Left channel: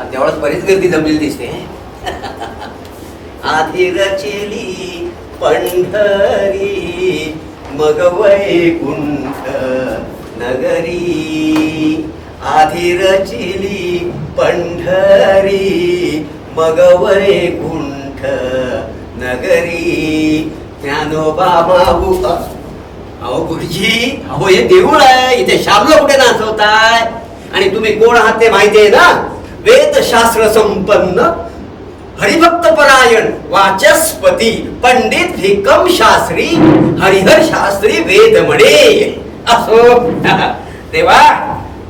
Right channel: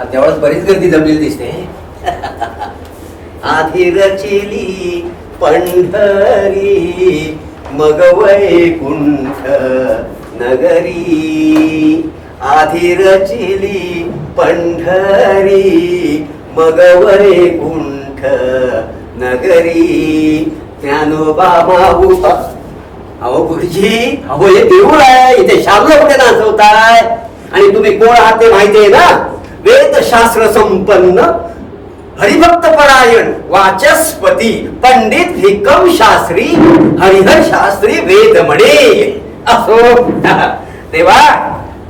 तेवढाच बरीच गर्दी जमलेली दिसते. आधी रचिली पंढरी मग वैकुंठ नगरी, आधी रचिली पंढरी मग वैकुंठ नगरी. ज्ञानोबा माऊ. अहो गुरुजी, अहो हे देऊळ आहे, इथे शामला कुठे नाचवताय? आणि तुम्ही कोण आहात ते माहिती आहे ना? वेदशास्त्र संपन्न हरिभक्त परायण वाचस्पती पंडित भिक्कम शास्त्री हरिहर शास्त्री वेदमणे. असो तेव्हा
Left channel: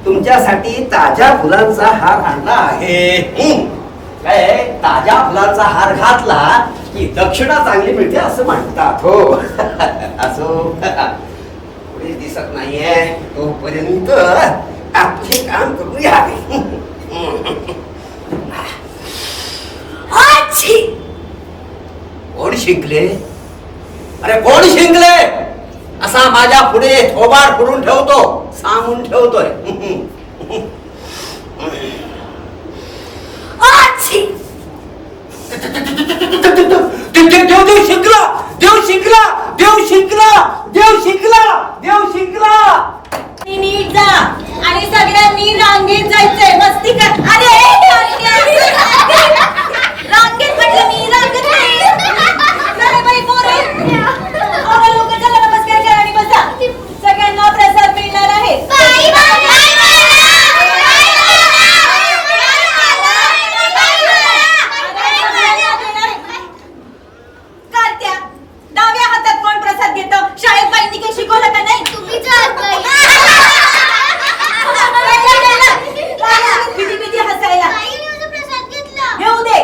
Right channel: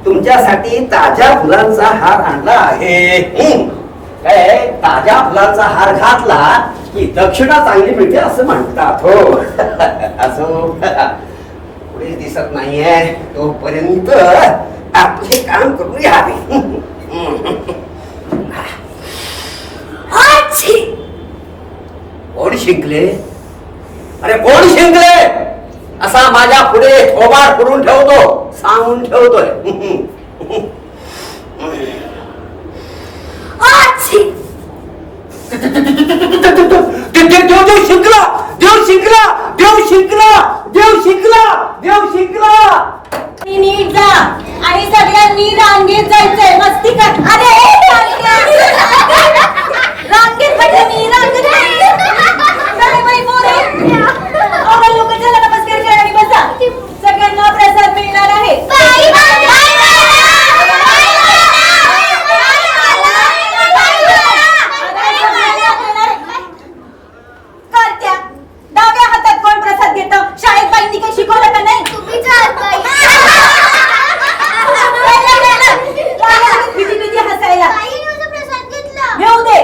तुमच्यासाठी ताज्या फुलांचा हार आणला आहे. काय ताज्या फुलांचा हार घातला की दक्षिणा चांगली मिळते असं म्हणतात. हो असो, पुढे दिसत नाहीये तोपर्यंत आपले काम करूया. कोण शिंकले? अरे कोण शिंकले असा माझ्या पुढे थोबाड करून ठेवतो, सांगून ठेवतोय. देव शिंकला, देव शिंकला, देव शिंकला, देव शिंकला, देव शिंकला. नीट जा आणि सगळ्यांनी रांगेत जायचंय. मस्ती कर. अरे रांगेत म्हटलं मी, रांगेत लोक चला नमस्कार करा आणि बसा. सगळ्यांना प्रसाद मिळणार आहे. करत्या डाव्या हातात कोण प्रसाद घेतं? शाळेत बाईंनी काही शिकवलं का नाही? तुम्ही हसायला घेऊ दे.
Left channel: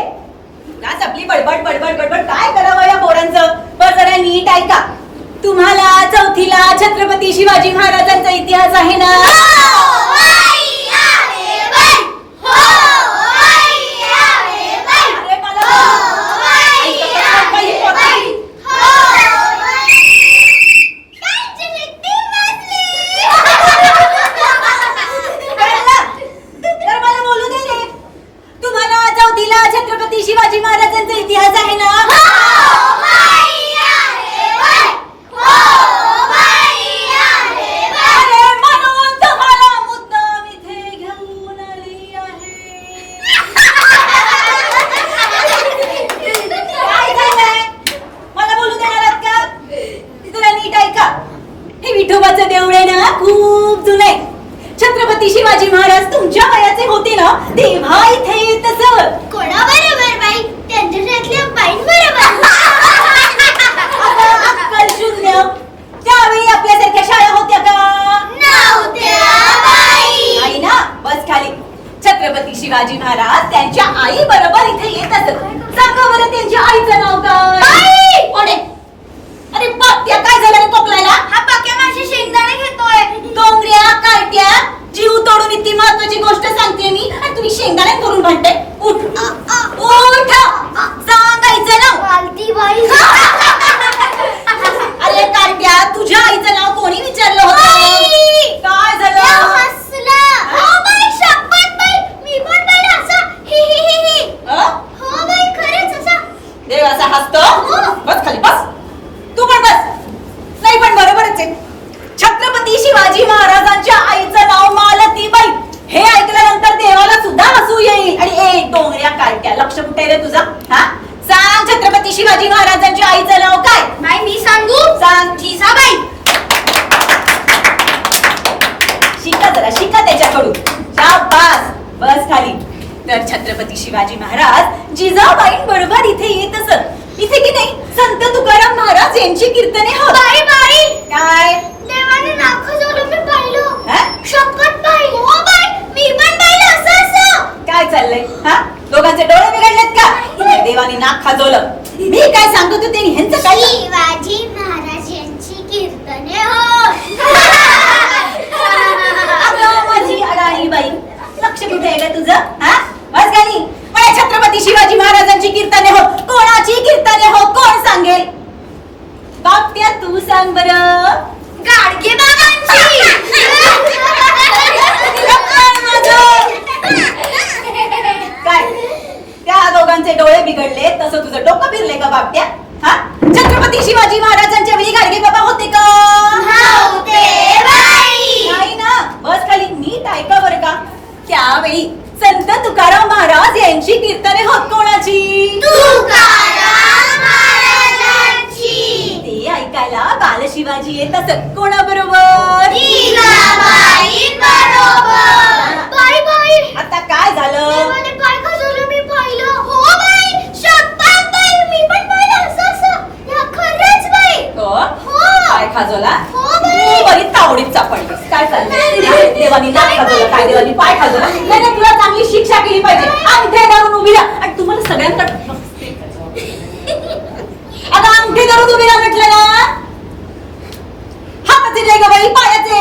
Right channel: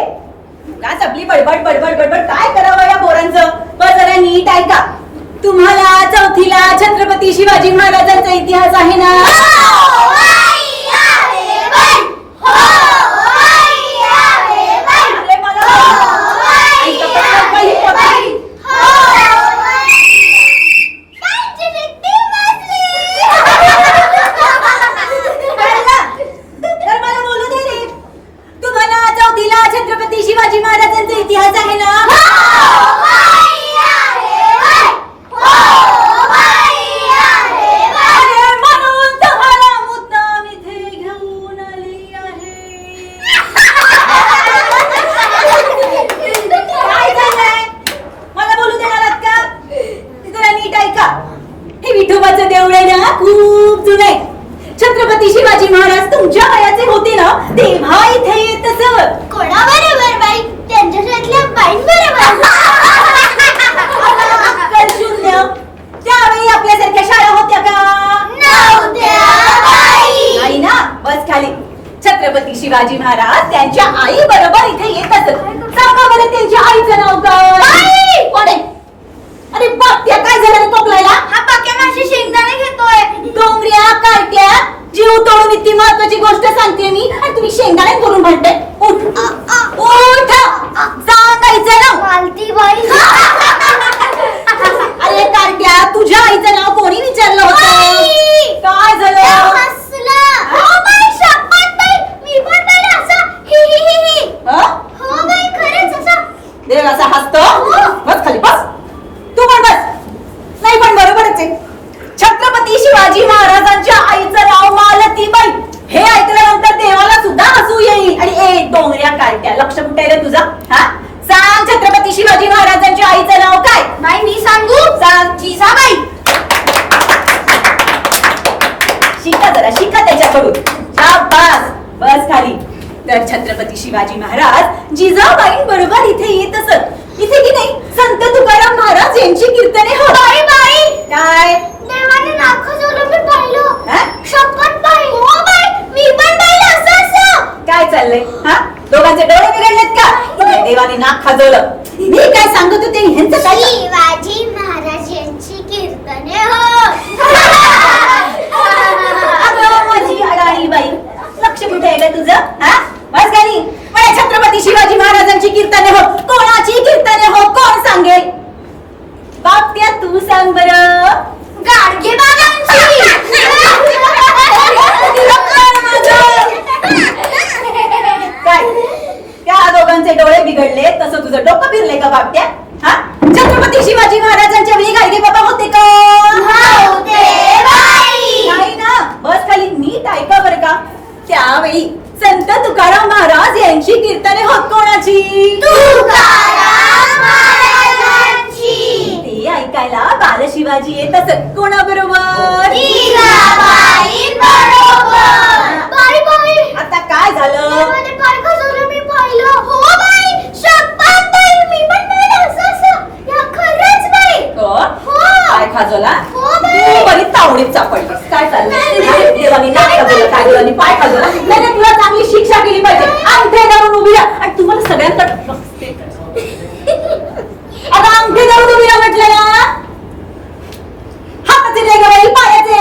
का चपली बडबड बडबड बडबड काय करावं या पोरांचं? बरं जरा नीट ऐका. तुम्हाला चौथीला छत्रपती शिवाजी महाराजांचा इतिहास आहे ना? अरे मला छत्रपती शिवाजी महाराजांचा इतिहास आहे ना? म्हणून तुम्हाला मुद्दाम इथे घेऊन आली आहे. काय झालंय? मला बोलू देणार आहात का? तुला नीट ऐका. हे विठोबाचं देऊळ आहे ना, खूप जुनं आहे. छत्रपती शिवाजी महाराज तुमच्या वयाचे होते ना तेव्हा इथे येत असत. कोणाबरोबर बाई? त्यांच्या शाळेतल्या बाईंबरोबर. अक्कल शून्य. त्यावेळी आपल्यासारख्या शाळा होत्या का? नव्हत्या बाई. नाही ना. बस खाली. छत्रपती शिवाजी महाराज त्यांच्या आई बरोबर इथे येत असत. सांगा बरं त्यांच्या आईचं नाव काय? कोण आहे? अरे पाक्या, काय झालं रे टोकलायला? हा पाक्या माझी शेंगदाणे घेतोय. डोंगऱ्या कार्ट्या, जीव तोडून इतकी महत्वाची गोष्ट सांगते मी आणि तुम्ही शेंगदाणे करून म्हणते. उठ उठ, सांगायचं नाव. मालती बाई. अरे कार्ट्या, तुझ्या आईचं नाव कोणी विचारलं होतं? काय झालं? हसला. हो बाई, शपथ बाई, मी पण बाई असं ही ही ही ही. हो बाई, खरंच असं. देव असा हसतो? बस खाली बस. तू पण बस. नाही पण बरोबरच आहे. छत्रपती शिवाजी महाराजांच्या आईचं नाव मालतीबाई. हे ऐकल्यानंतर देवाला सुद्धा हसू येईल. आणि एक डोंगऱ्या कार्ट्या, लक्ष कुठे रे तुझं? हा, सांग छत्रपती शिवाजी महाराजांच्या आईचं नाव काय? बाई मी सांगू? सांग. जिजाबाई. शिका जरा, शिका त्याच्याकडून. शाबास. बस खाली. तर छत्रपती शिवाजी महाराज जिजाबाई बरोबर इथे येत असत. इथे की नाही संत तुकाराम महाराज यांची कीर्तने होत. बाई बाई. काय? देवाने नाक खजवलं मी पाहिलं. हा? शपथ बाई. हो बाई, मी पण पाहिलं असं असं. काय चाललंय? हा, दोघांचे डोळे बिघडलेत का? देवाने नाक खाजवलं. मी काय सांगत होते ह्यांचं काय? शिवाजी महाराज यांची कीर्तने हो. अगं माझी अडाणी बाई, लक्ष कुठे आहे का तुझं? हा, बस गाडी. पण छत्रपती शिवाजी महाराजांची कीर्तने होत. कोणाची कीर्तने होत कोण सांगेल? बाप्या तू सांग बरं. गाडगे बाबांची. असेल कोणाबरोबर? जिजाबाई बरोबर. बाई बाई, आता काय झालं? देवाने काय खजवलं मी पाहिलं. हो बाई, शपथ बाई, मी पण पाहिलं असं असं. या खरंच बाई. हो? हो. काय खाजवला? हो बाई. तू बरी तावडीत चापडलीस. काय चाललंय? देवानी नाक खाजवलं, काय देवानी पाय खाजवला? नाही नाही, तुला चांगली शिक्षा केली पाहिजे. अंगठे धरून उभी राहा. आणि तुम्हाला सगळ्यांकडे आता अंगठे धरून उभी राहा म्हटलं ना. हाताचे रे ग बाई, पायाचे.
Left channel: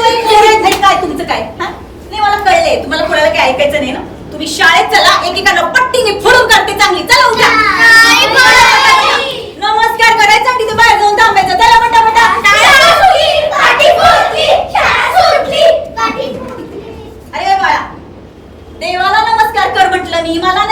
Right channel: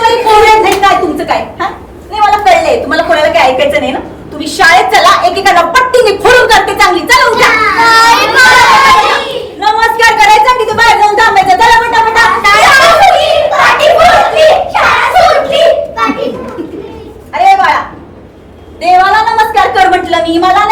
बाई, कोरेच आहे काय तुमचं काय? हा? नाही, मला कळलंय तुम्हाला कोणाला काय ऐकायचं नाही ना. तुम्ही शाळेत चला, एकेकाला पट्टीने फोडून करते चांगली. चला उठा. नाही बाई. नमस्कार करायचा, तिथे बाहेर जाऊन थांबायचं. चला पटापटा. शाळा सुटली, पाटी फुटली, शाळा सुटली, पाटी फुटली. अरे बाळा, देवाला नमस्कार कर म्हटलं मी, मला